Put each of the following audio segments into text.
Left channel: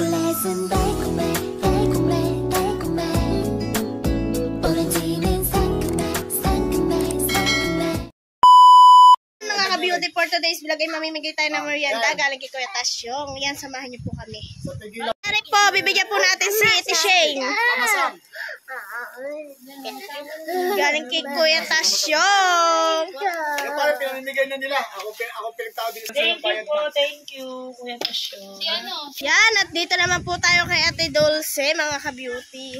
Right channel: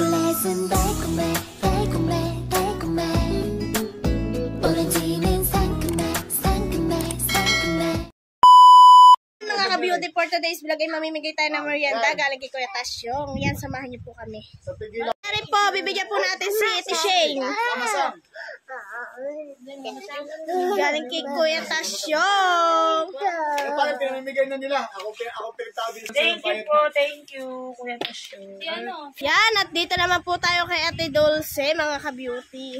초콜릿은 달콤해 달콤해 달콤해 오렌지는 상큼해 상큼해 상큼해. Mga ka-beauty, for today's vlog ay mamimigay tayo ng merienda galing kay Kuya Tasyong. Yan, samahan niyo po kami. Dari po, bibigyan po natin si Ate Shane. Galing kay Kuya Tasyong. Parang pinamimigay na nila. Ako pinagtabi sa Thank you po, thank you, Kuya Tasyong. Yan, at dito naman po tayo kay Ate Dulce, mga ka-beauty.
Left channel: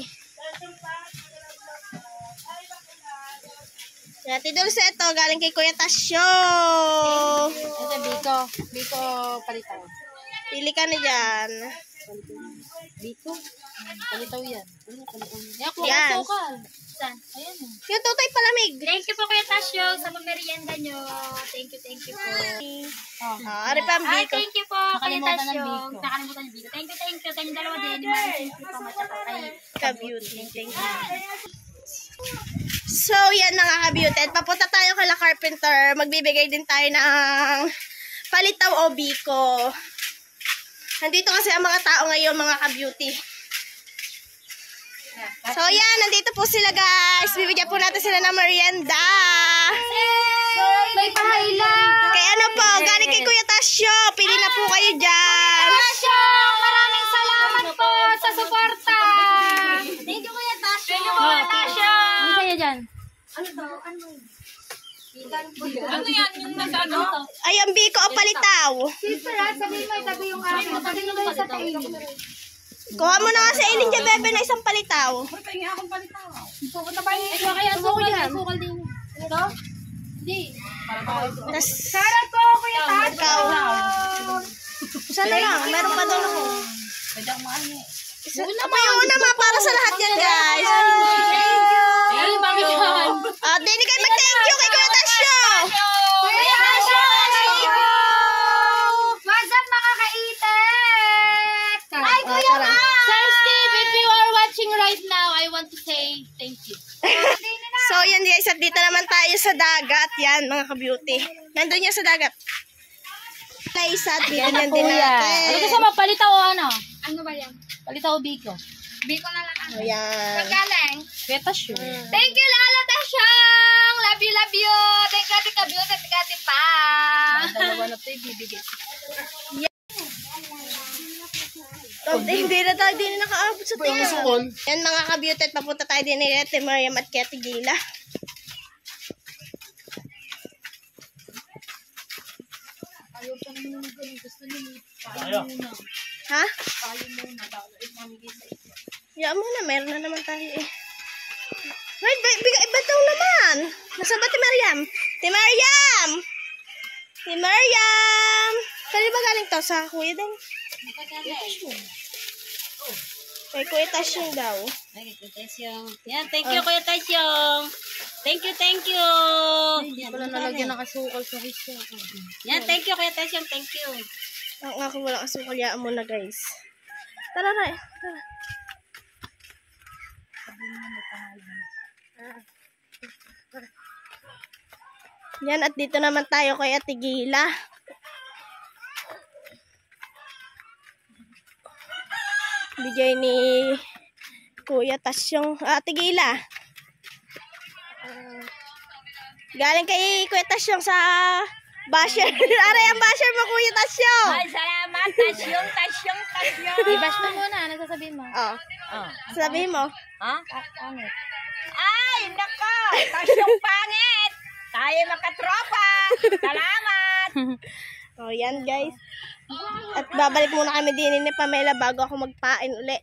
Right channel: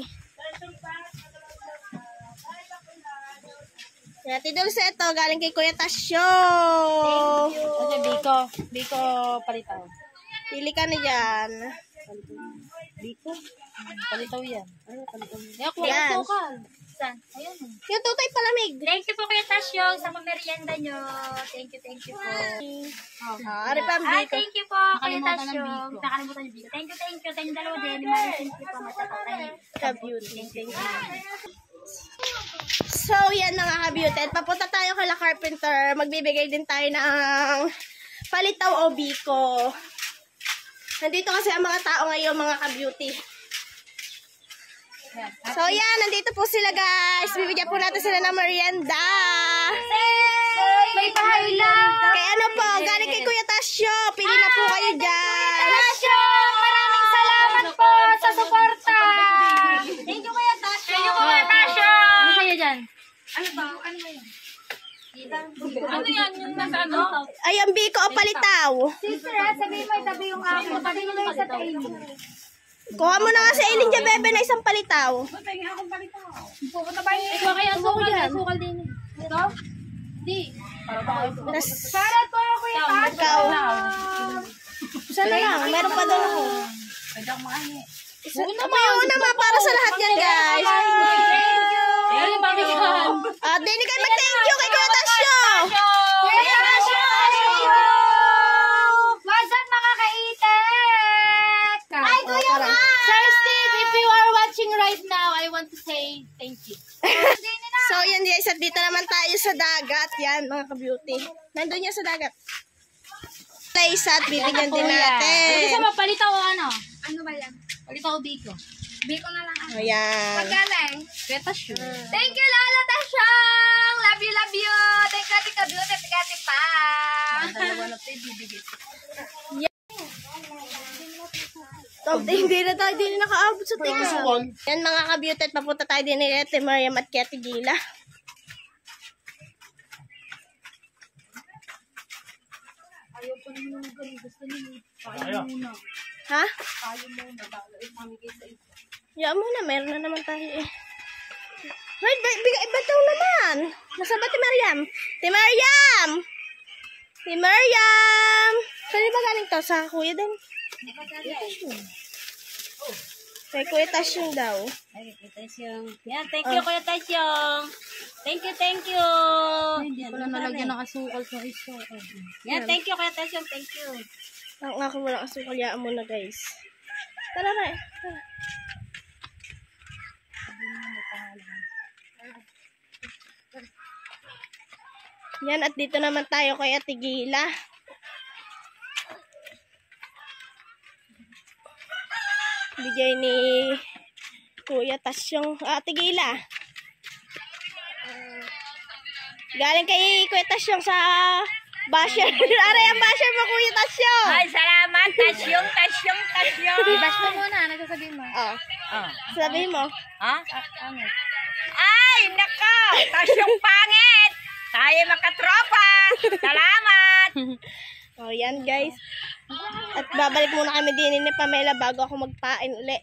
Yan, Ate Dulce, ito, galing kay Kuya Tasyong. Ito, Biko palitaw. Pili ka na dyan. Biko? Palitaw yan. Ano, palitaw yan. Yan. Saan? Ayan. Yung tutoy palamig. Thank you po Kuya Tasyong sa pagmerienda nyo. Thank you po. Ari pa ang Ay, Biko. thank you po Kuya Tasyong. Nakalimutan yung Biko. Thank you. Sa inyong dalawa din. Maraming thank you po. Matsaka kay Ka-beauty. Thank you. So, yan mga ka-beauty. Papunta tayo kay La Carpenter. Magbibigay din tayo ng palitaw o Biko. Nandito kasi ang mga tao ngayon, mga ka-beauty. So, yan. Nandito po sila, guys. Bibigyan po natin sila ng merienda. may pahaila. Kaya ano po, galing kay Kuya Tasyo. Pili na po kayo dyan. Tasyong, maraming salamat po sa suporta. Thank you Kuya Tasyong. Thank you Kuya Tasyong. Ano sa'yo dyan? Ano ba? Ano ba yun? Ano yan? Yung nasa ano? Ay, ang Biko o palitaw. Sister, sabi mo, sabi yung akin. Sabi mo yung sa tayo. Kuha mo na nga sa Eileen dyan, bebe, na isang palitaw. Tingin akong palitaw. Pupunta ba niyo? Kaya sukal din. Ito? Hindi. Tas, Shoutout po Kuya Tasyong. ikaw. Isa na lang, meron pa doon ako. Pwede akong maangi. Una ma, para sa lahat yan, guys. Ayun, bakit yan? Hindi kayo mag-thank you kay Kuya Tasyo. Kuya Tasyong! What's up mga kaitek? Ay, Kuya tara. Sir Steve, if you are watching right now, I want to say thank you. So, yan guys, at dito naman tayo sa dagat. Yan, mga ka-beauty. Nandun yan sa dagat. Place at bibigyan din natin. Gusto mo, palitaw o ano? Ano ba yan? Palitaw o Biko? Biko na lang ako. Ayan. Magaling. Kuya Tasyong. Thank you, Lala Tasyong! Love you, love you! Thank you, Ate Ka-Beauty, Ate Kati pa! Dalawa na ito ibibigay. Hindi na tayo din nakaabot sa tika. Sukol. Yan mga ka-beauty, at papunta tayo din ni Ate Mariam at Ate Gila. Ayaw pa naman ng ganun. Gusto niyo paano muna. Ha? Paano muna. Bago mamigay sa ito. Yan mo na, meron na naman tayo eh. Right, bigay iba daw naman. Nasa ba Ate Mariam? Ate Mariam! Ate Mariam! Saan ba galing to? Sa kuya din? Kay Kuya Tasyong daw. Ay, Kuya Tasyong. Yan, thank you, Kuya Tasyong. Thank you, thank you. Yan, nalagyan ng asukal sa isa. Yan, thank you, Kuya Tasyong. Thank you. Ako nga kung walang asukal, yaan mo na guys. Tara na. Tara. Yan, at dito naman tayo kay Ate Gila. Bigay ni Kuya Tasyong. Ate Gila. Galing kay Kuya Tasyong sa basher. Aray ang basher mo, Kuya Tasyong. Ay, salamat! Tasyong! Bash mo muna, ano sasabihin mo? Oh. Sabihin mo. Ha? Ay, nako! Tasyong pangit! Tayo makatropa! Salamat! Oh, yan guys. At babalik muna kami din ni Pamela bago ako magpain uli.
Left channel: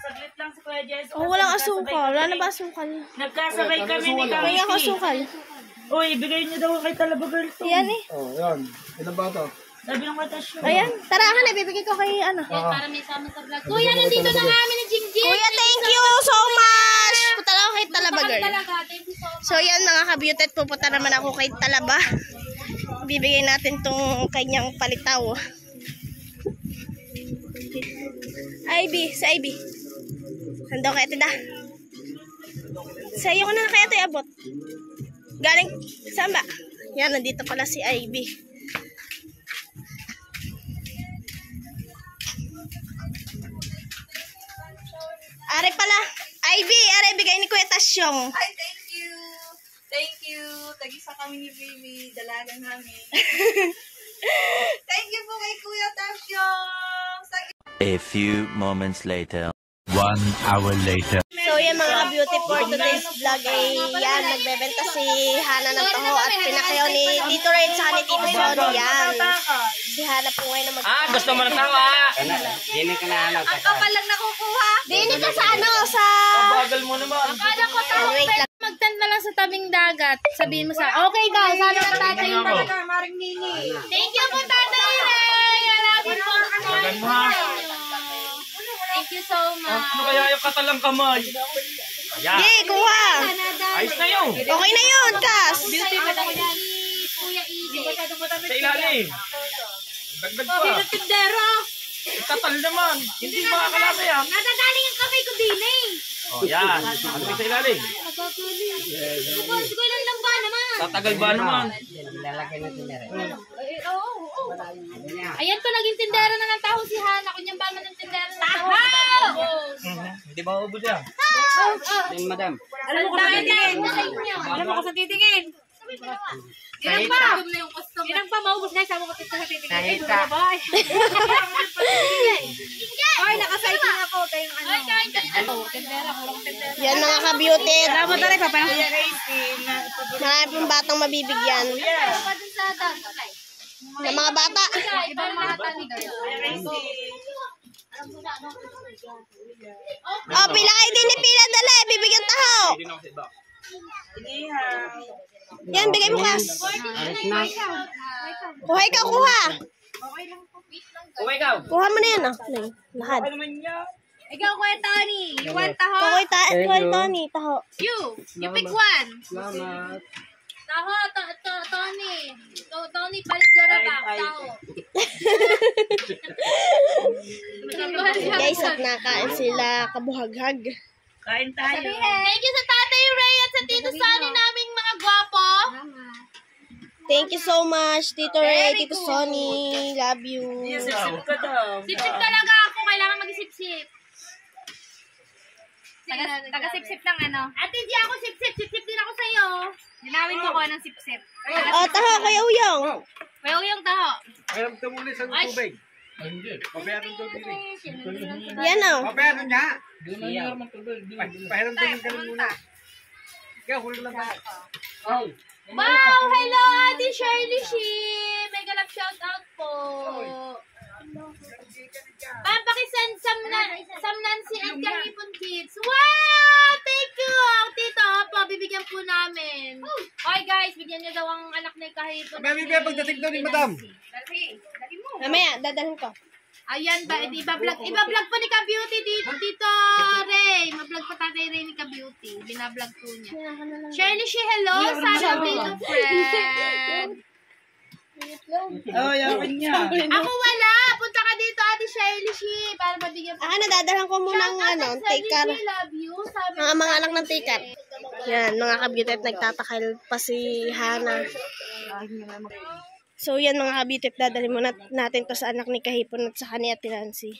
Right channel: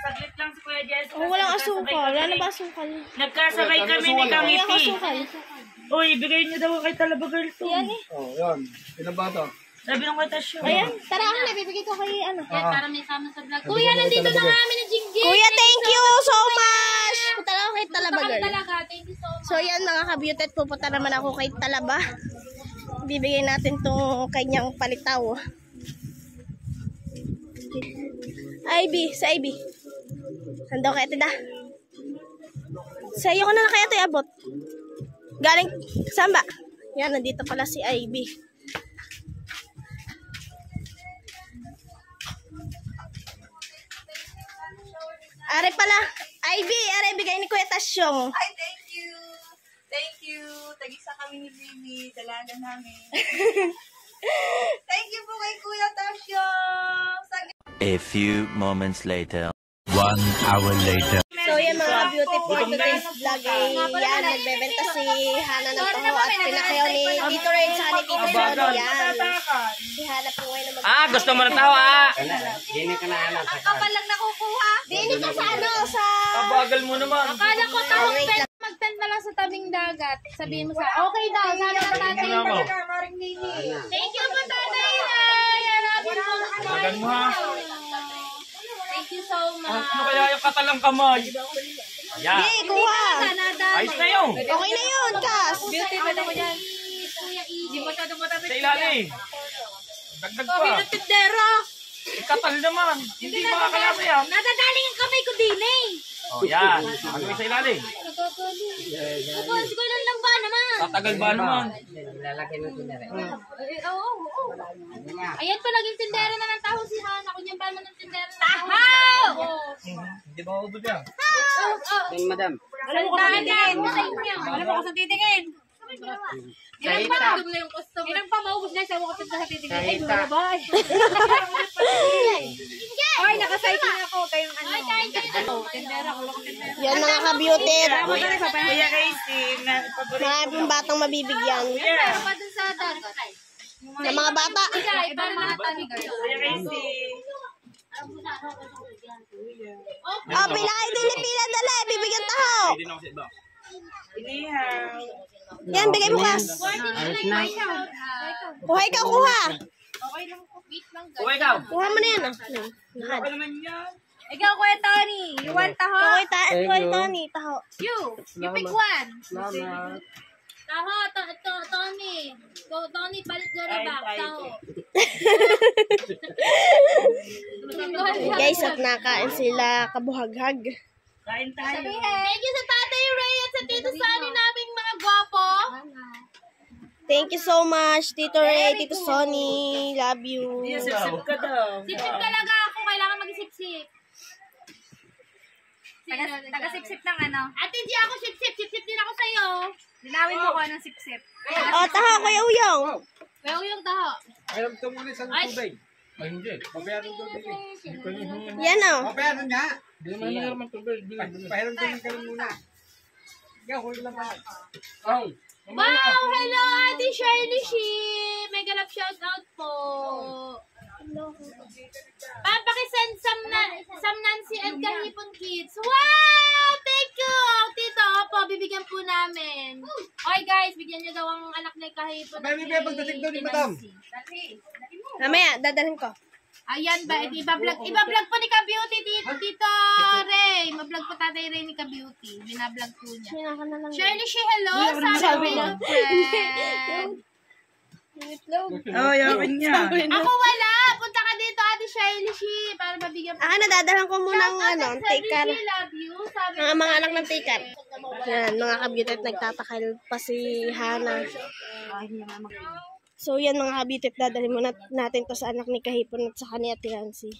Saglit lang si Kuya Jess. Oh, walang asukal. Wala na ba asukal? Nagkasabay kami ni Wala Kangiti. asukal. Uy, bigay niyo daw kay Talabagal to. Yan eh. Oh, yan. Ilan ba ito? Sabi ng Kuya Tasyong. Ayan. Tara ka na. Bibigay ko kay ano. Para may sama sa vlog. Kuya, nandito na kami ni Jingjing. Kuya, thank you so much Punta na ako kay Talaba, girl. So, yan mga ka-beauty. Pupunta naman ako kay Talaba. Bibigay natin tong kanyang palitaw. Ivy, sa Ivy. Handa kay Tida. Sa iyo ko na kaya ito iabot. Galing, saan ba? Yan, nandito pala si Ivy. Are pala. Ivy, are bigay ni Kuya Tasyong. Ay, thank you. Thank you. Tagisa kami ni Baby. Dalaga namin. Thank you po kay Kuya Tasyong. A few moments later. 1 hour later. So yan mga beauty for today's vlog ay yan, nagbebenta si Hana ng taho at pinakayaw ni Tito Ray sa ni Tito Sony. Yan. Si Hana po ngayon na gusto mo ng tao Ang kapal lang nakukuha. Dini ka sa ano, sa... Bagal mo naman. Akala ko taho, Wait lang. magtent na lang sa tabing dagat. Sabihin mo sa, okay daw, sana ka tatay. Maring Nini. Thank you po, Tatay Ray. I love you po. Bagal mo ha. Thank you so much. Ano kaya yung katalang kamay? Ayan. Yay, kuha! Ayos na yun. Okay na yun, Kas! Beauty ko na ko yan. Kuya Easy. Sa ilalim. Dagdag pa. Tindero. Katal naman. Hindi makakalasa yan. Nadadaling ang kamay ko din eh. O yan. Ano yung sa ilalim? Ko lang ba naman? Tatagal ba naman? Oo. Ayan to, naging tindero na ng taho si Hana. Kunyang ba naman ng tindero na taho? Hindi ba ubod yan? Alam mo ko sa titingin. Alam mo ko sa titingin. Ilang pa? Ilang pa maubos na. Sabi ko sa titingin. Ay, dura ba? Ay, nakacycle ako. Kayong ano. Tindera. Wala ko tindera. Yan mga ka-beauty. Marami pong batang mabibigyan. Pa dun sa dagat. Ng mga bata. Ibang mga talig. Oh, pila kayo din ni Pila dala. Bibigyan taho. Yan, bigay mo, Kas. Kuha ikaw, kuha. O ikaw. Kuha mo na yan, ah. Lahat. Ano naman yan? Ikaw, Kuya Tony. You want taho? Kuha Tony, taho. You pick one. Taho, Tony. Tony, balik dora ba? Taho. Guys, at nakain sila kabuhaghag. Kain tayo. Thank you sa Tatay Ray at sa Tito Sonny naming mga gwapo. Thank you so much, Tito Ray, Tito Sonny. Love you. Sip ka daw. Sip-sip talaga ako. Kailangan mag-sip-sip. Taga-sip-sip lang ano. At hindi ako sip-sip. Sip-sip din ako sa'yo. Linawin mo ko ng sip-sip. Oh, taho, Kuya Uyong. Kuya Uyong taho. Alam ito muna sa tubig. Ay, hindi. Papayaran daw din eh. Yan, oh. Papayaran niya. Hindi naman meron ng tubig. Papayaran daw din ka muna. Ikaw, huli lang ba? Wow! Hello, Ate Shirley Shee! Mega love shoutout po. Papakisend Sam Nancy at Kahipon Kids. Wow! Thank you! Tito, po, bibigyan po namin. Okay guys, bigyan nyo daw ang anak ni Kahipon. Bibigyan pagdating daw ni Madam. Mamaya, dadalhin ko. Ayan ba, iba-vlog po ni Ka-Beauty Tito Ray. Ma-vlog po Tatay Ray ni Ka-Beauty. Binablog po niya. Shirley Shee, hello! Sabi ko, friend. Oh, yawin niya. Ako wala! Punta ka dito, Ate Shirley Shee, para mabigyan po. Nadadalhan ko muna ng tikar. Shirley, love you. Sabi Mga anak ng tikar. Yan, mga ka-beauty at nagtatakal pa si Hana. So yan mga ka-beauty, dadalhin muna natin to sa anak ni Kahipon at sa ni Ate Nancy.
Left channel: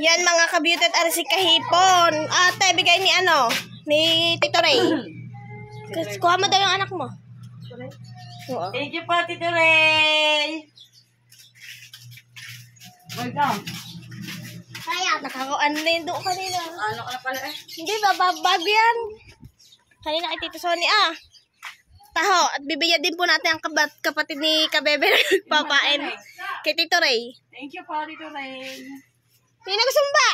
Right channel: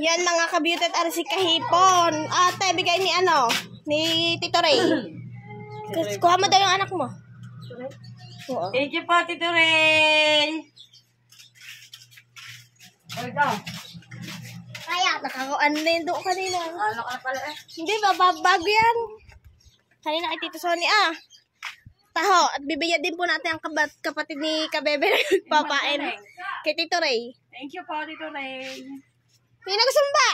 Yan mga ka-beauty at si Kahipon. Ate, bigay ni ni Tito Ray. Kuha mo daw yung anak mo. Oo. Thank you po, Tito Ray. O ikaw. Nakakuan na yun doon kanina. Ano ka pala eh? Hindi ba, bago yan. Kanina kay Tito Sonny, taho. At bibigyan din po natin ang kapatid ni Kabebe na nagpapain. Kay Tito Ray. Thank you po, Tito Ray. Hindi na gusumba.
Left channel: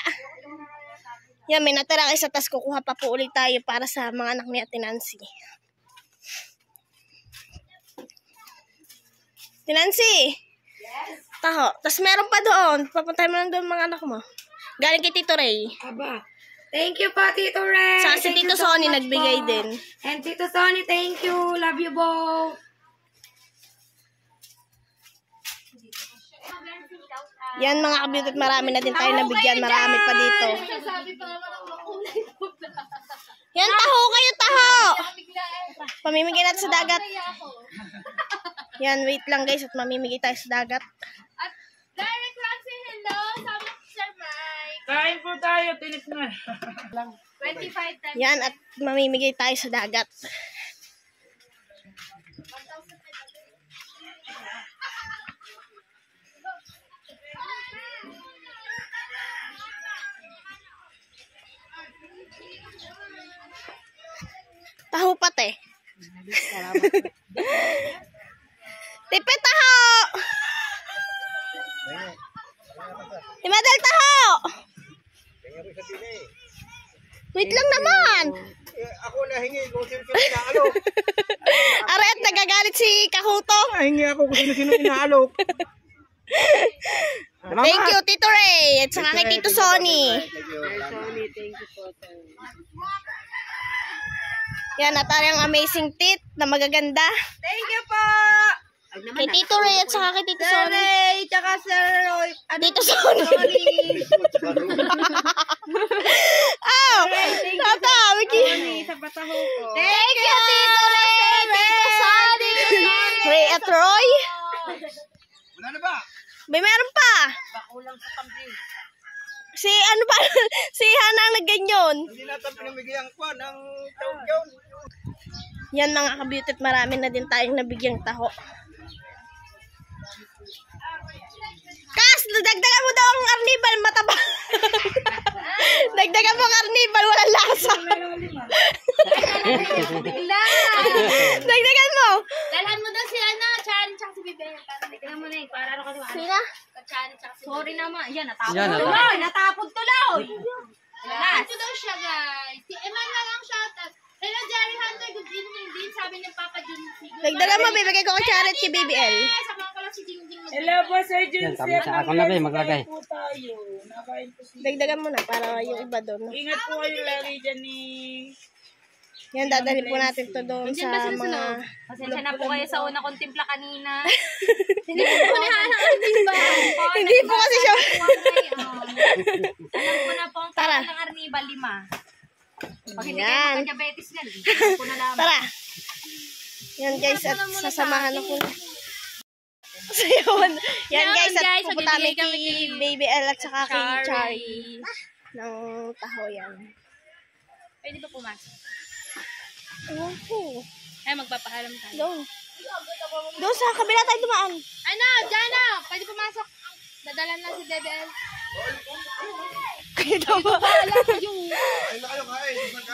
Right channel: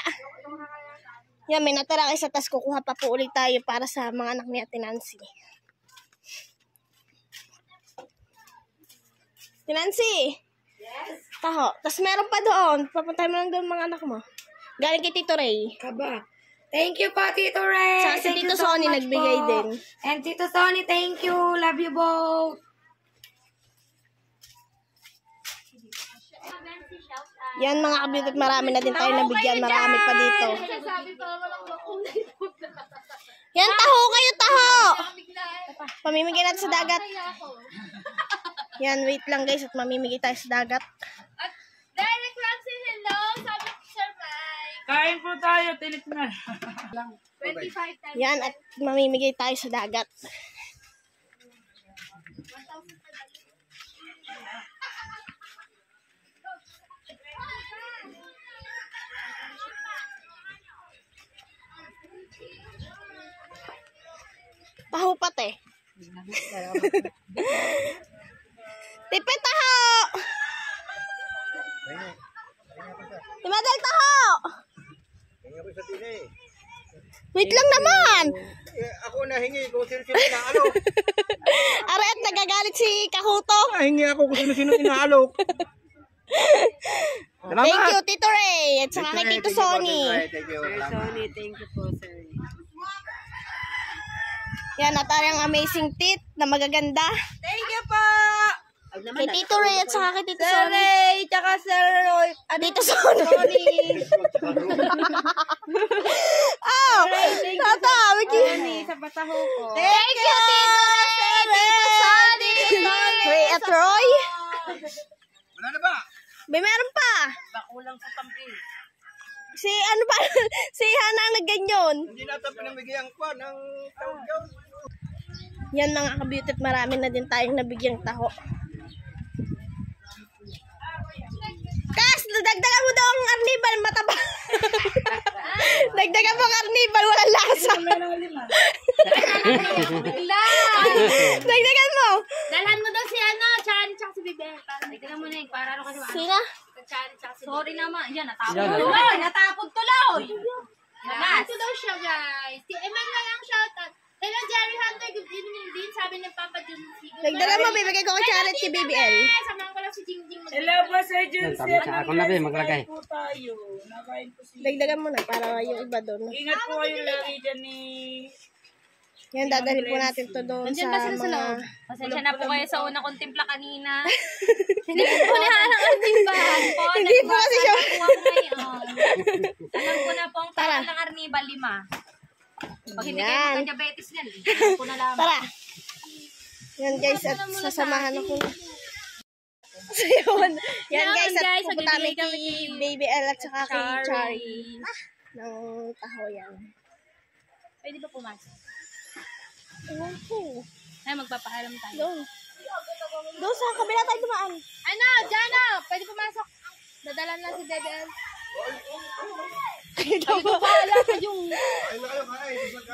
Yan, may natira kayo sa tas. Kukuha pa po ulit tayo para sa mga anak ni Ate Nancy. Tinansi. Taho. Tapos meron pa doon. Papuntahin mo lang doon mga anak mo. Galing kay Tito Ray. Aba. Thank you po, Tito Ray. Saka si Thank Tito you so Sonny much nagbigay po. din. And Tito Sonny, thank you. Love you both. Yan mga kabitot, marami na din tayo nabigyan. Marami pa dito. Yan, taho kayo, taho! Pamimigay natin sa dagat. Yan, wait lang guys at mamimigay tayo sa dagat. Derek Roxy, hello. Sabi ko, Sir Mike. Kain po tayo, tinik na. 25 times. Yan, at mamimigay tayo sa dagat. Taho pati. Tipet taho! Timadal taho! Wait lang naman! Ako nahingi kung sino-sino inaalok. Are at nagagalit si Kahuto. Nahingi ako kung sino-sino inaalok. Thank you, Tito Ray. At saka kay Tito Sonny. Sonny, thank you po, sir. Yan, at ang amazing tit na magaganda. Thank you po! Kay Tito Ray at saka kay Tito Sonny. Ray, tsaka Sir Roy. Tito Sonny. Oh! Tata, Miki. Sa Bataho po. Thank you, Tito Ray, Tito Sonny. Ray at Roy. Wala na ba? May meron pa. Bakulang sa tampi. Si ano pa? Si Hana ang nagganyon. Hindi natin pinamigay ang kwan ng tawag yun. Yan mga kabeauty, marami na din tayong nabigyang taho. Kas, dagdagan mo daw ang arnibal, mataba. Dagdagan mo ang arnibal, walang lasa. Bigla. Dagdagan mo. Dalhan mo daw si ano, Chan, tsaka si Bebe. Dagdagan mo na yung para ano kasi Sina? Chan, tsaka si Sorry naman. Yan, natapod tuloy. Natapod tuloy. Ito daw siya, guys. Si Emmanuel ang shoutout. Hello, Jerry Hunter. Good evening din. Sabi ng Papa Jun. Dagdagan mo, bibigay ko kay Charit kay BBL. Samahan ko lang si Jing Jing. Hello po, Sir Jun. Ako na ba, maglagay. Po tayo. Nakain po sila. Dagdagan mo na para yung iba doon. Ingat po kayo lagi dyan ni... Yan, dadalhin po natin to doon sa mga... Pasensya na po kayo sa una kong timpla kanina. Hindi po ni Hana Arnibal. Hindi po kasi siya. Alam ko na po ang Tara. ng Arnibal 5. Pag hindi Yan. kayo magka-diabetes yan, alam ko na lang. Tara. Yan guys, at sasamahan ako na. So yun. Yan guys, at pupunta kami kay Baby L at saka kay Charlie. Ng taho yan. Pwede ba pumasok? Ewan ko. Ay, magpapahiram tayo. Doon. Doon sa kabila tayo dumaan. Ano, dyan na. Pwede pumasok. Dadalan lang si Debel. Kaya daw ba? Yung...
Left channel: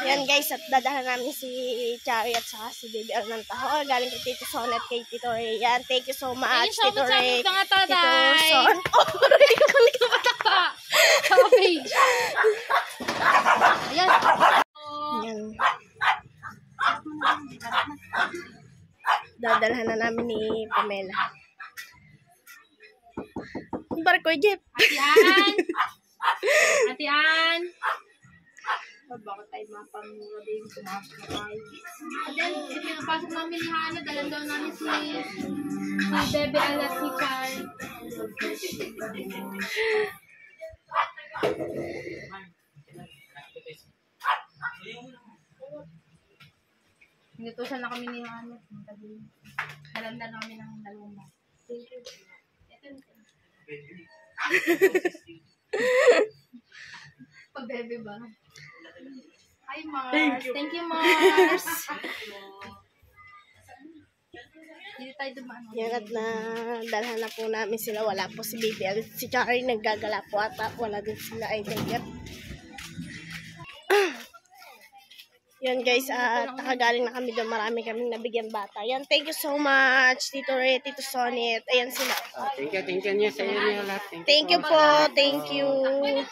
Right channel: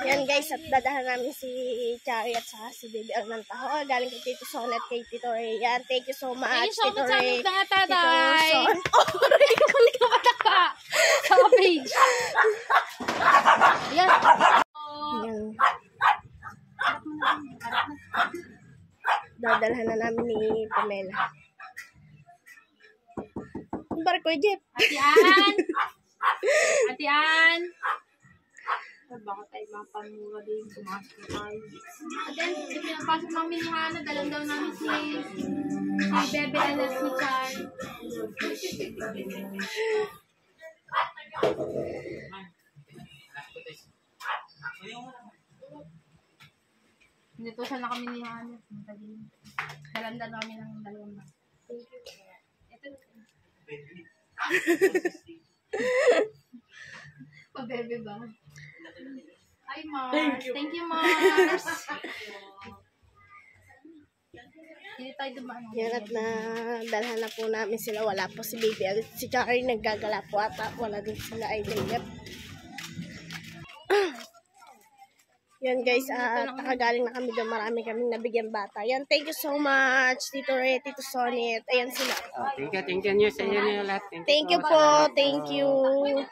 Yan guys, at dadahan namin si Charlie at saka si Baby L ng taho. Galing kay Tito Son at kay Tito Ray. Yan, thank you so much, Tito Ray. Tito Son. Oh, Ray, kami ka ba? Sa page. Ayan. Yan. Dadalhan na namin ni Pamela. Barko, Jeff. Atian. Atian. Baka tayo mapamura din. Pumasok na tayo. At then, pinapasok namin ni Hana. Dalan daw namin si Bebe at si Char. Inutusan na kami ni Hana. Dalan na namin ng 2 ba. Thank you. Ito. Pa-bebe ba? Hi, Mars. Thank you, Mars. Hindi tayo dumaan. Yan, at nadalhan na po namin sila. Wala po si Baby L. Si Charlie naggagala po ata. Wala din sila idol yet. Yan guys, at nakagaling na kami doon. Marami kaming nabigyan bata. Yan, thank you so much, Tito Ray, Tito Sonny. Ayan sila. Thank you nyo sa inyo niyo lahat. Thank you po, thank you.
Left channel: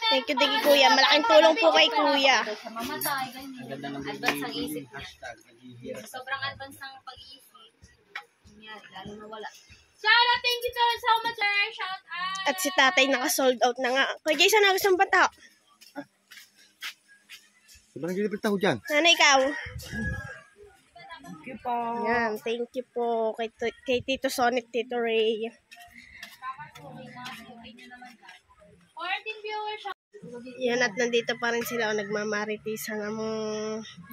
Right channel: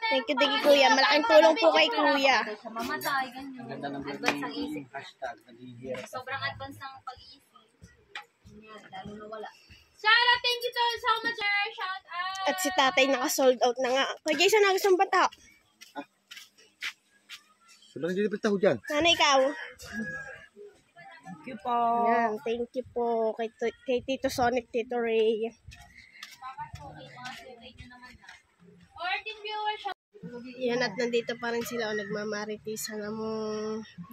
Thank you, Digi Kuya. Malaking tulong po kay Kuya. Sa mamatay, ganyan. Advance ang isip. Sobrang advance ng pag-iisip. Yan, lalo na wala. Sarah, thank you so much, sir. Shout out. At si tatay naka-sold out na nga. Kuya Jason, ano gusto mong bata? Sobrang gilipit ako dyan. Nanay, ikaw? Thank you po. Yan, thank you po kay Tito Sonic, Tito Ray. 14 viewers. Yan, at nandito pa rin sila o nagmamaritisan ng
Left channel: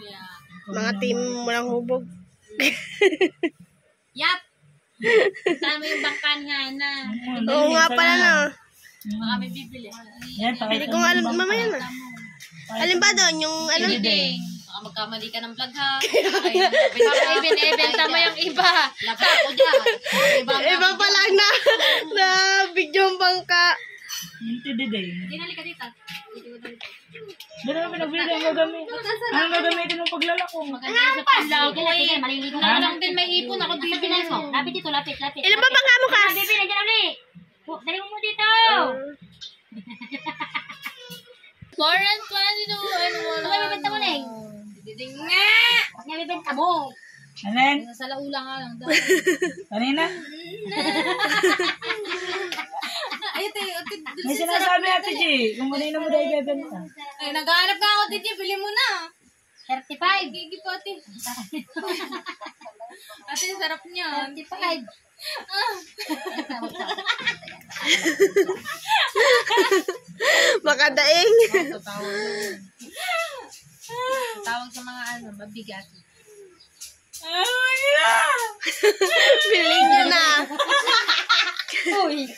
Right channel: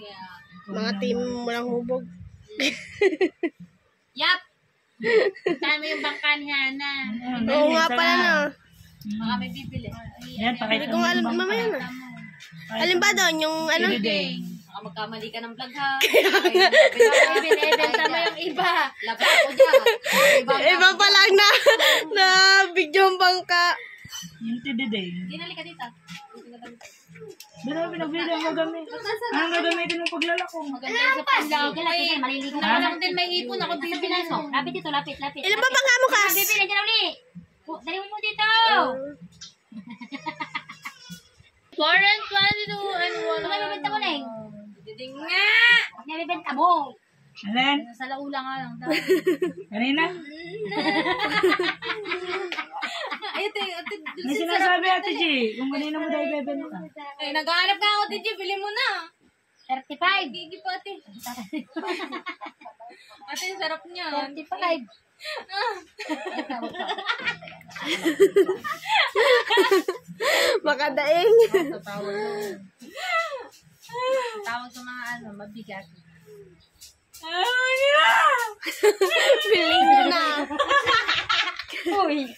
Yeah. mga team Mulang Hubog. Yap! Tama yung bangkan na. Oo nga pala na. Baka may bibili. Yan, Hindi ko nga alam, mamaya na. Alin ba doon? Yung ano? Baka magkamali ka ng vlog ha. Ibenta mo yung iba. Laga ako dyan. Iba pa lang na video ang bangka. Hindi day. Dinali ka dito. Doon na pinagbili ang gagamit. Ang gagamitin ng paglalako. Maganda yung sa panlago eh. Maliligo na lang din may ipon. Ako bibili mo. Lapit dito, lapit. Ilan ba bangka mo, Kas? Bibili, dyan uli. Dali mo dito. 4 and 22 and 1. Ano may bibenta mo, Neng? Diding nga. Huwag niya bibenta mo. Alin? Nasa laula nga lang daw. Kanina? Ay, ate, May sinasabi Ate G. Kung kanina mo daw ibebenta. ay, naghahanap ka ako, Titi. Bili mo na. 35. Gigi po, ate. Ate, sarap niya. 35. Makadaing. Tawag sa mga mabigat. Bilhin nyo na. Uy.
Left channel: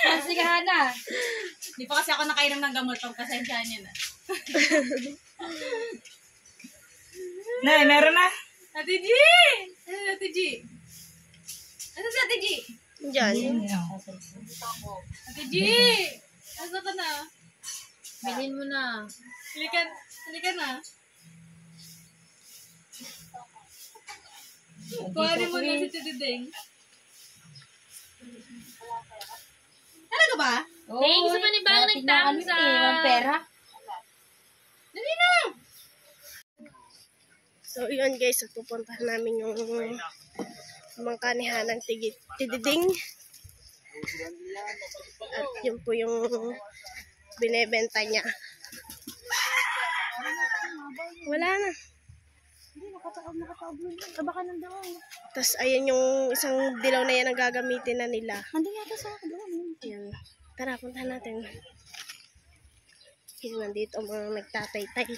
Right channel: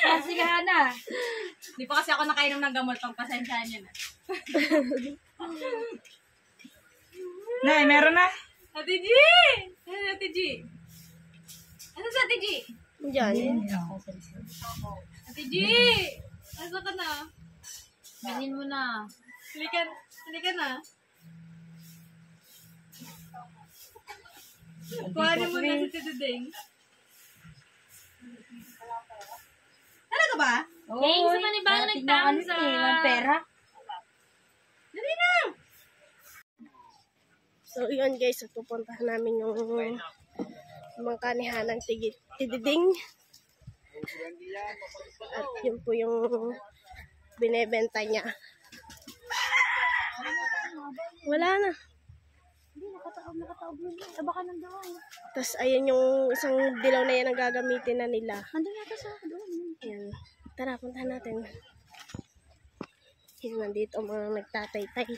Kasi ka na. Hindi pa kasi ako nakainom ng gamot. Pagpasensyahan niya na. Nay, meron na. Ate G! Ano si Ate G? Ano si Ate G? Diyan. Ate G! Asa ka na? Bilhin mo na. Halika na. Kuhanin mo na si Tiduding. Talaga ba? Thanks sa manibago nagtaon sa... pera. Dali na! So, yun guys. At pupuntahan namin yung mangkanihan ng tididing. At yun po yung binebenta niya. Wala na. Tapos, ayan yung isang dilaw na yan ang gagamitin na nila. Yan. Tara, puntahan natin. Yan, nandito ang mga nagtatay-tay.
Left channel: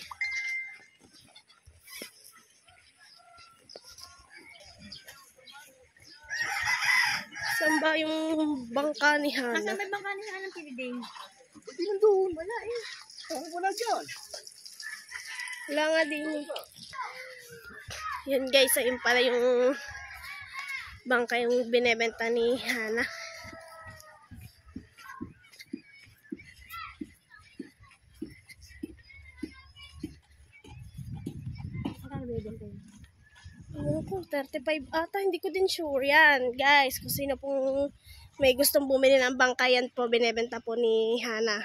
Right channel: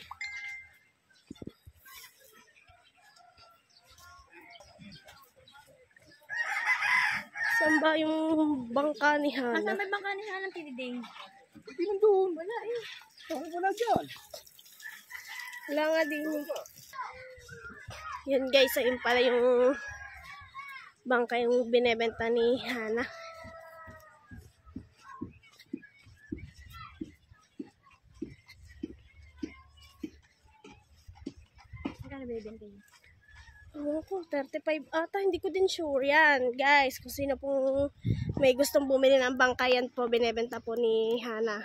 Saan ba yung bangka ni Hana? Saan may bangka ni Hana ng Tiduding? Hindi lang doon. Wala eh. Wala dyan. Wala nga din. Yun guys, ayun pala yung bangka yung binebenta ni Hana. Ano ko, 35 ata, hindi ko din sure yan. Guys, kung sino pong may gustong bumili ng bangka, yan po, binebenta po ni Hana.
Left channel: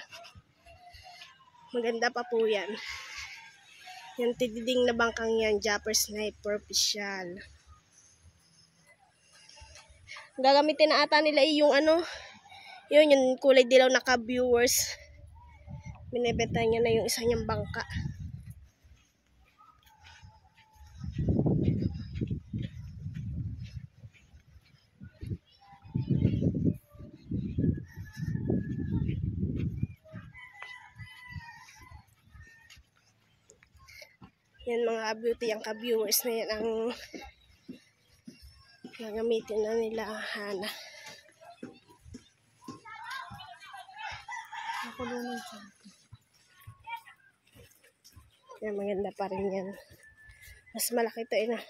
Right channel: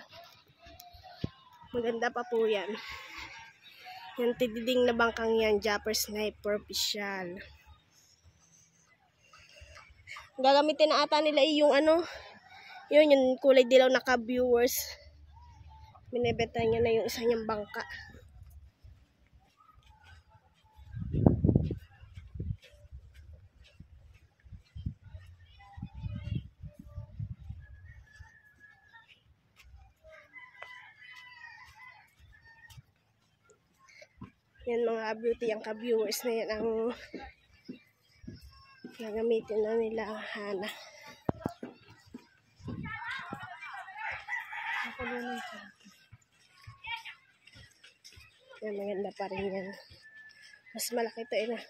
Maganda pa po yan. Yung tididing na bangkang yan, Japper Sniper Official. Gagamitin na ata nila yung ano, yung kulay dilaw na ka-viewers. Binebenta niya na yung isa niyang bangka. Yan mga beauty, ang ka-viewers na yan ang gagamitin na nila Hana. Yan, maganda pa rin yan. Mas malaki ito na.